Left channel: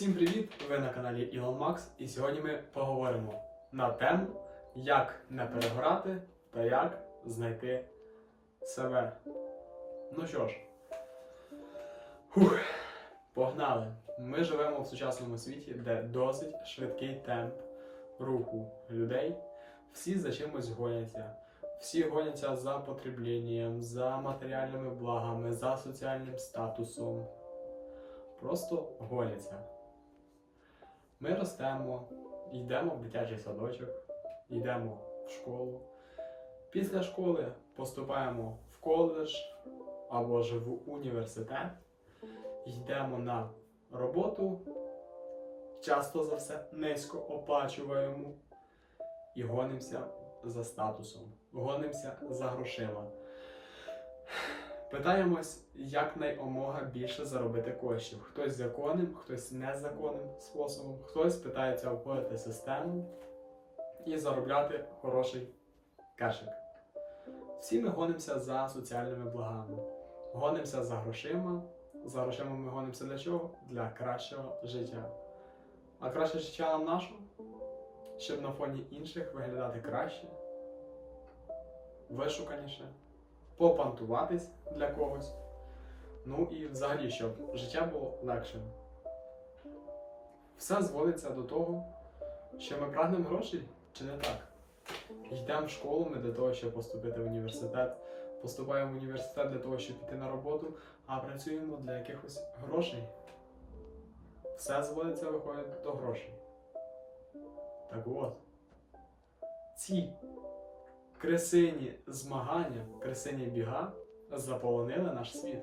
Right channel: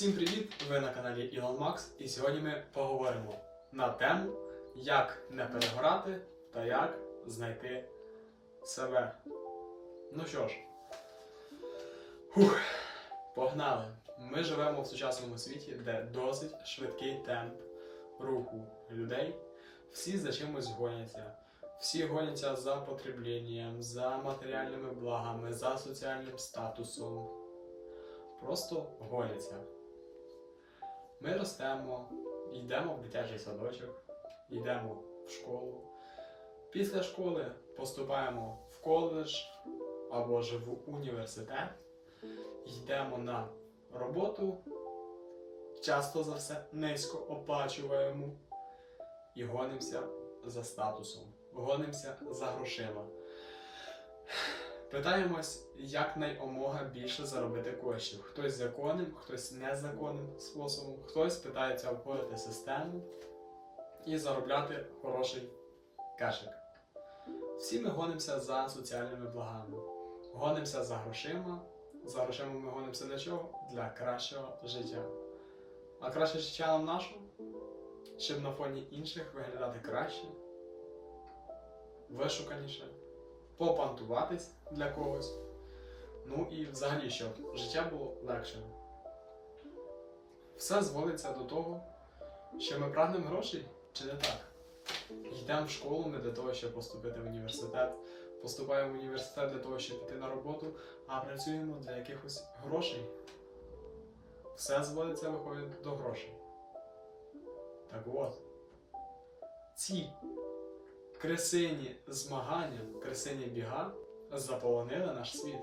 Всім привіт! Ви на каналі Ілон Макс, і сьогодні ми поговоримо на тему, як не переграти та як знайти себе. Ну що ж, Фух, погнали! Ми живемо в сучасному світі, де досить швидкий темп руху людей. Всі за чимось гоняться. Всі гоняться за потреблінням, за матеріальними благами, за соціальним статусом. Просто гоняться. Ми ростемо, йдемо в дитячий садочок, йдемо в школу. Після школи поступаємо в коледж або ж в університет, йдемо на роботу, часто за все низько оплачуємо і гонимося за статусом, гонимося за грошима. Питаємось, як найомога більше заробити коштів. Хтось законним, хтось незаконним способом, хтось питається обходити систему і заробляти хороший кешик. Всі ми гонимося за соціальними благами, гонимося за грошима. За грошима ми гонимося для чого? Для кращого життя. А краще життя нам наше, щоб на фоні інших виглядати краще, вишуканіше попантуватись для когось. Ну і взагалі, щоб життя було легшим. Все зводиться до того, що ми прагнемо грошей чи не так. Йдемо в школу не для того, щоб поступити в університет, поступаємо в університет для того, щоб піти на роботу, а працюємо для якихось грошей. Все зводиться виходить до грошей. Так от, ці кресині змагання, кресині біга заполонили наш світ.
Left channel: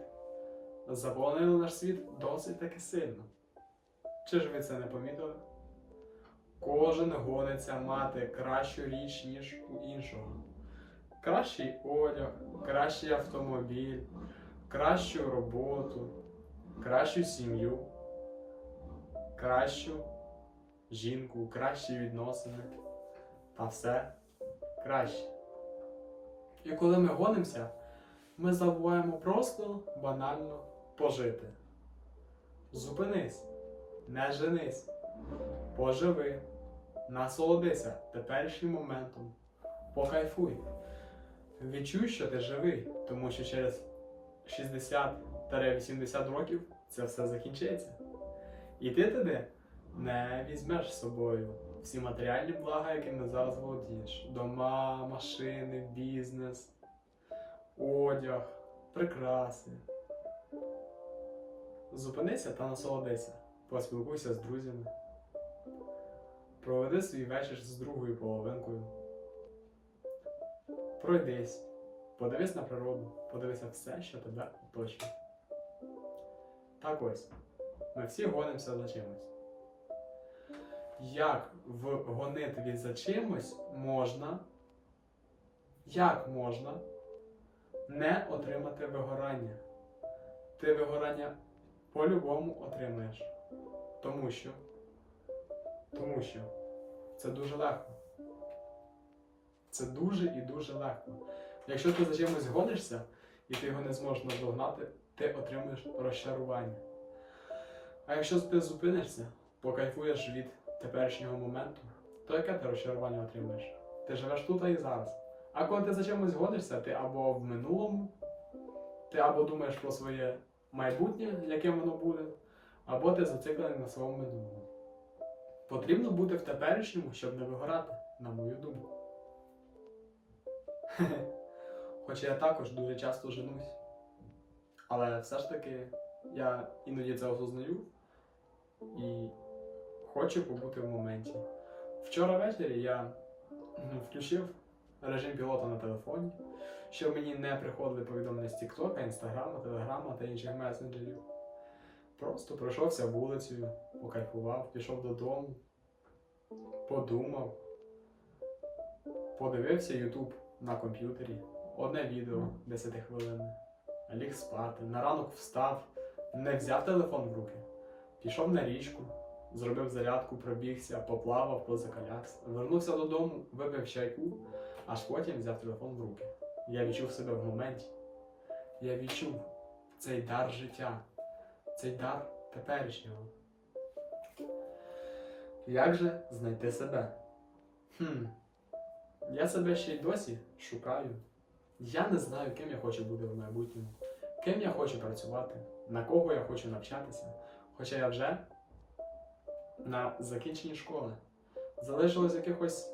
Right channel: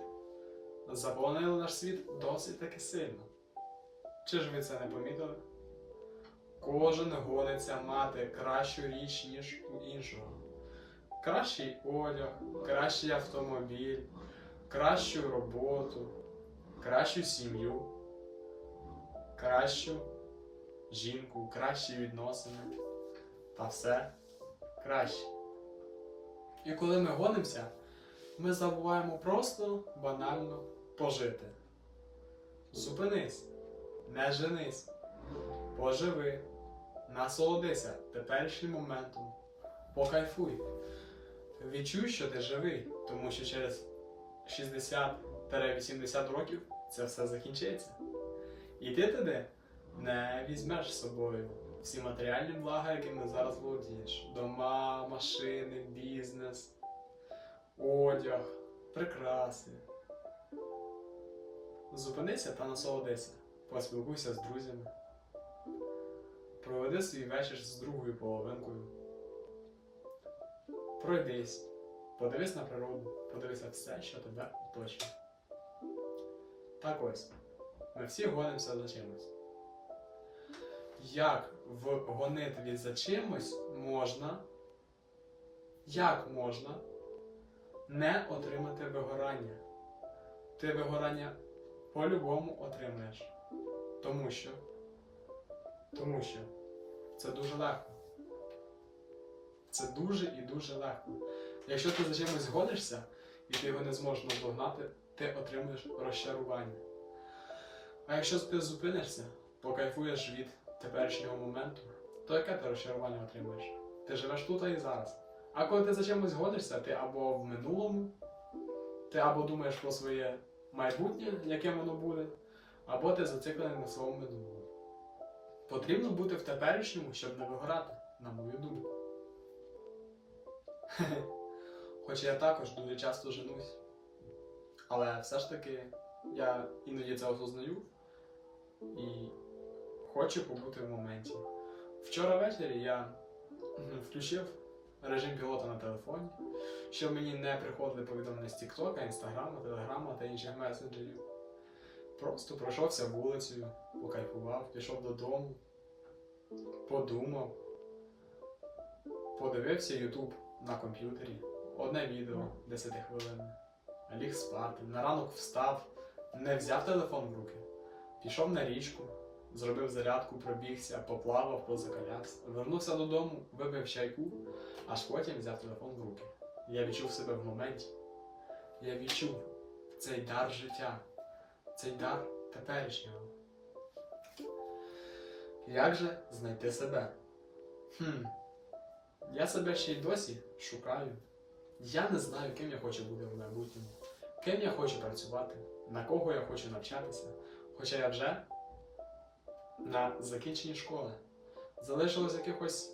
Заполонили наш світ досить таки сильно. Чи ж ви це не помітили? Кожен гониться мати кращу річ, ніж у іншого. Кращий одяг, кращий автомобіль, кращу роботу, кращу сім'ю, кращу жінку, кращі відносини та все краще. І коли ми гонимося, ми забуваємо просто банально пожити. Зупинись, не женись, поживи, насолодися теперішнім моментом, покайфуй. Відчуй, що ти живий, тому що через 60-80 років це все закінчиться. І ти туди не візьмеш з собою всі матеріальні блага, якими зараз володієш: дома, машини, бізнес, одяг, прикраси. Зупинися та насолодися, поспілкуйся з друзями. Проведи свій вечір з другою половинкою. Пройдись, подивись на природу, подивись на все, що тебе оточує. Так ось, ми всі гонимося за чимось як в гонитві за чимось можна, як можна не отримати вигорання. Ти вигорання по-любому отримаєш. Тому що, тому що це дуже легко. Це дуже і дуже легко. Якщо ти за чимось гонишся і ти його не зможеш наздогнати, ти отримуєш розчарування. А якщо ти зупинишся, покайфуєш від теперішнього моменту, то яке ти розчарування отримуєш? Ти живеш тут і зараз. А коли ти за чимось гонишся, ти або в минулому, ти або думаєш про своє майбутнє, яким воно буде, або ти зациклений на своєму минулому. Потрібно бути в теперішньому, щоб не вигорати, на мою думку. Хоча я також дуже часто женусь. Але все ж таки я іноді це осознаю і хочу побути в моменті. Вчора ввечері я включив режим пілота на телефоні, щоб мені не приходили повідомлення з Тіктока, Інстаграма, Телеграма та інших месенджерів. Просто пройшовся вулицею, покайфував, пішов додому, подумав, подивився Ютуб на комп'ютері, одне відео 10 хвилин, ліг спати, на ранок встав, не взяв телефон в руки, пішов на річку зробив зарядку, пробігся, поплавав, позакалявся. Вернувся додому, випив чайку, аж потім взяв телефон в руки. Я відчув себе в моменті. Я відчув цей дар життя, цей дар теперішнього. Як же знайти себе? Хм. Я себе ще й досі шукаю. Я не знаю, ким я хочу бути в майбутньому, ким я хочу працювати, на кого я хочу навчатися. Хоча я вже на закінченні школи. Залишилось якихось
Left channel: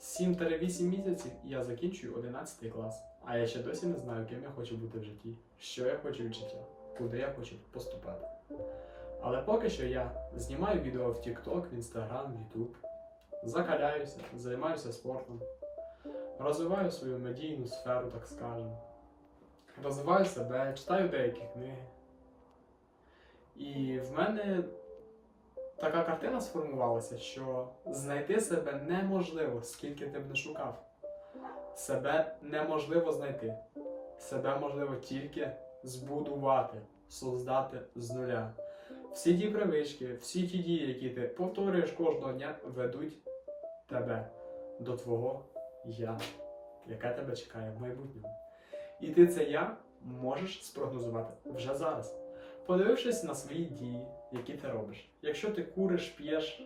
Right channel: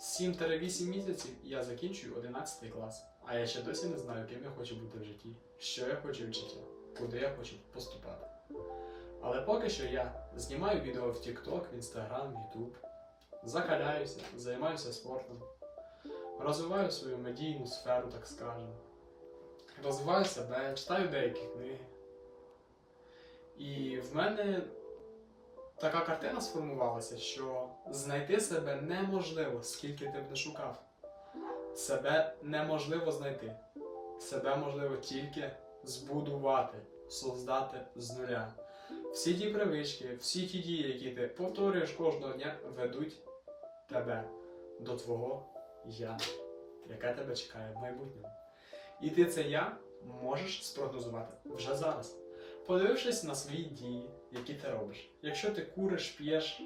7-8 місяців, і я закінчую 11 клас. А я ще досі не знаю, ким я хочу бути в житті, що я хочу від життя, куди я хочу поступати. Але поки що я знімаю відео в TikTok, в Instagram, в YouTube, закаляюся, займаюся спортом, розвиваю свою медійну сферу, так скажемо. Розвиваю себе, читаю деякі книги. І в мене така картина сформувалася, що знайти себе неможливо, скільки ти б не шукав. Себе неможливо знайти. Себе можливо тільки збудувати, создати з нуля. Всі ті привички, всі ті дії, які ти повторюєш кожного дня, ведуть тебе до твого я, яке тебе чекає в майбутньому. І ти це я можеш спрогнозувати вже зараз, подивившись на свої дії, які ти робиш. Якщо ти куриш, п'єш,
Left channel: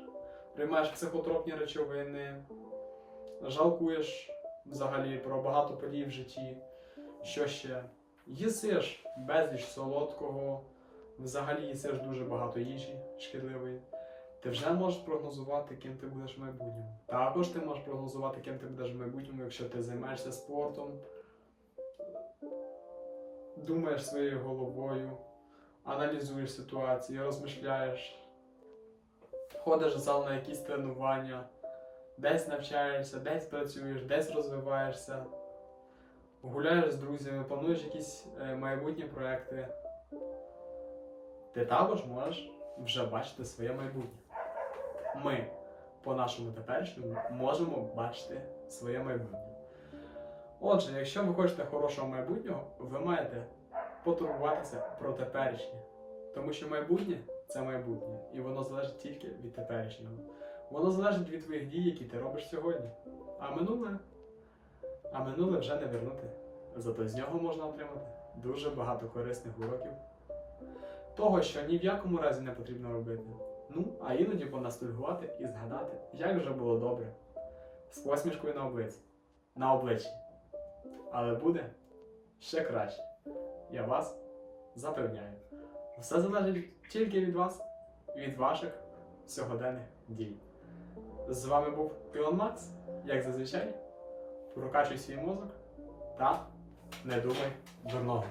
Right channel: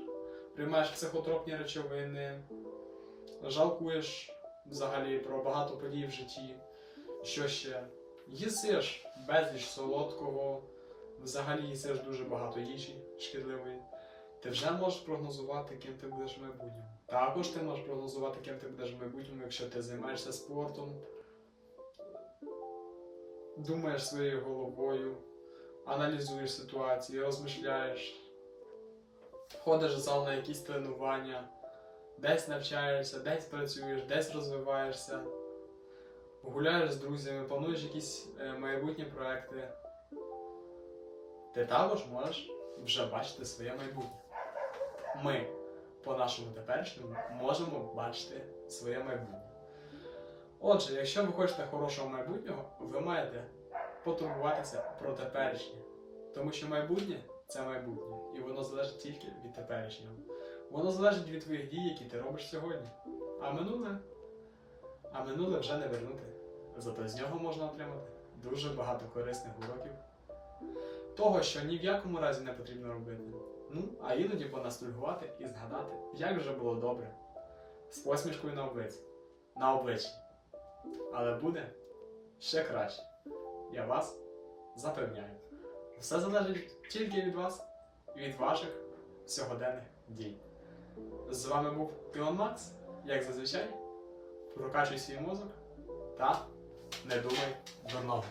приймаєш психотропні речовини, жалкуєш взагалі про багато подій в житті, що ще їсиш безліч солодкого, взагалі їсиш дуже багато їжі шкідливої. Ти вже можеш прогнозувати, ким ти будеш в майбутньому. Також ти можеш прогнозувати, ким ти будеш в майбутньому, якщо ти займаєшся спортом, думаєш своєю головою, аналізуєш ситуацію, розмишляєш, ходиш в зал на якісь тренування, десь навчаєшся, десь працюєш, десь розвиваєшся, гуляєш з друзями, плануєш якісь е, майбутні проекти. Ти також можеш вже бачити своє майбутнє. Ми по нашому теперішньому можемо бачити своє майбутнє. Отже, якщо ви хочете хорошого майбутнього, ви маєте потурбуватися про теперішнє. Тому що майбутнє це майбутнє, і воно залежить тільки від теперішнього. Воно залежить від твоїх дій, які ти робиш сьогодні. А минуле, а минуле вже не вернути. Зато з нього можна отримати дуже багато корисних уроків. Того, що ні в якому разі не потрібно робити. Ну, а іноді понастульгувати і згадати, як вже було добре. З посмішкою на обличчі. На обличчі. Але буде ще краще. Я вас запевняю. Все залежить тільки від вас від ваших сьогоденних дій. З вами був Пілон Макс, як зазвичай. Прокачуй свій мозок та не думай дурного.